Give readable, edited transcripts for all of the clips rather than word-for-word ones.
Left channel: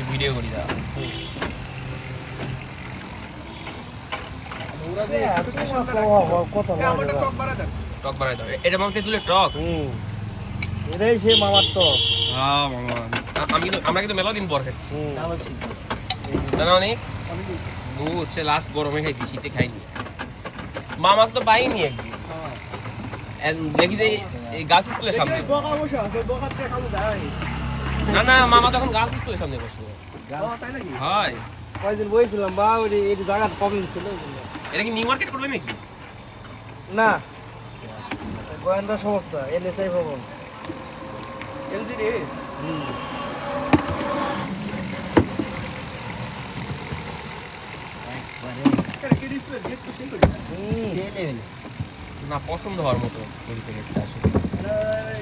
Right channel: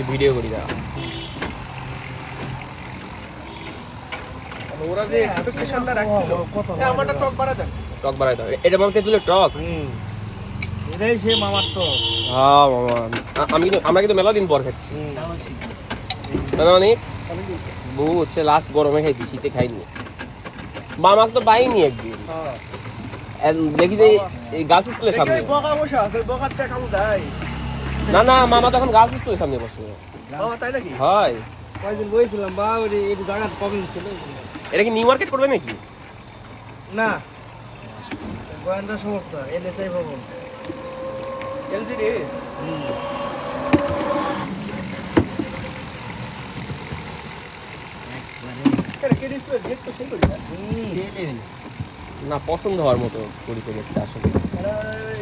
একটু ভিডিও করি দাও। ওরা যে এক্সপেকটেশনটা রাখছে আমারটা টক বাড়া দেন। টক বাড়াই দাও। এটা মানে তেঁতুলের টক। এটাই সে মামার টক। হ্যাঁ বাবা, আমরা কিন্তু মেলা দিন পর খাচ্ছি। মানে বউ হচ্ছে লাস্ট গরমে খাইছি, শীতে খাইনি। মামাক তো পাইনি একদিন, দেখি যে এই গার্লস স্কুলের সামনে। বকা বসা আছে, বকাতে কাম দেয়। না না, মামা তখন গার্লস স্কুলের সামনে বসে। তাই নাকি? হয়। কয়দিন বইছিলাম বা ওই এই জায়গার প্রবলেম ছিল। এটা কি নিউ মার্কেট করবে নাকি? না, গোয়েন্দা সংস্থা এনএসআই ভবন। এলজি রে। এটা কি ডিসপ্লে গেট তো সেই করি না। না, পছন্দ হওয়ার মতো করেছে গেটটা আসলে।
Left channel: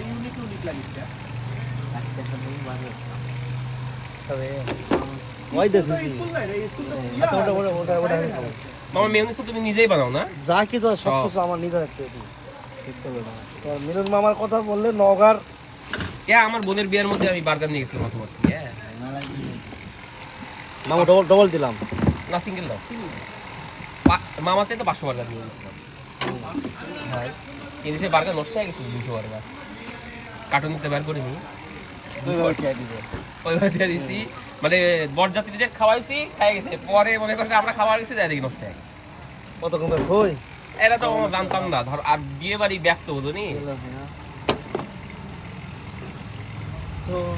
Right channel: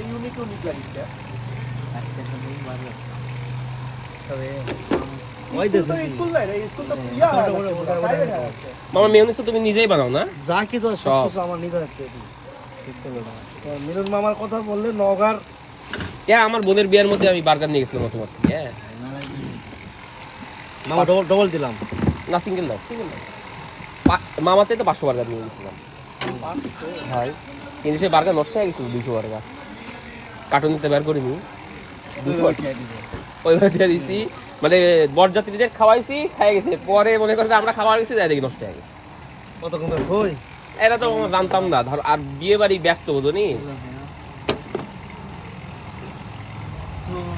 ইউনিক লাগিছে। তবে ওই দেখো স্কুল নাই রে, স্কুল তো ইয়া। মামা মেয়োনিজ তো তুমি নিজেই বানাও না? যা কিছু সব কিছু আমার নিজে রাখতে দিই। মিলন মামার কথা বললে নগার আমার বোনের বিয়ের মধ্যে আমি বার্গার নিয়ে গেছিলাম তোমার। মামা ডবল দিলাম না, সিঙ্গেল দাও। মামাতে তো 500 বার্গার নিয়ে গেছিলাম, কিন্তু সে বার্গার নষ্ট হয়ে গেছিল। 200 বার্গার কার্টুন দিতে বের করিনি, ওইভাবে দিয়ে দিচ্ছি। মানে বরযাত্রীদের খাওয়াইছি, খাই গেছে। পরে মনে করতে আমরা খাওয়া গেছি, যাই দেখি নষ্ট হয়ে গেছে। কতক্ষণ কই এটা তো জানতাম না। ধর আর বিয়ে বাড়ি ব্যস্ত হতো নি। হুম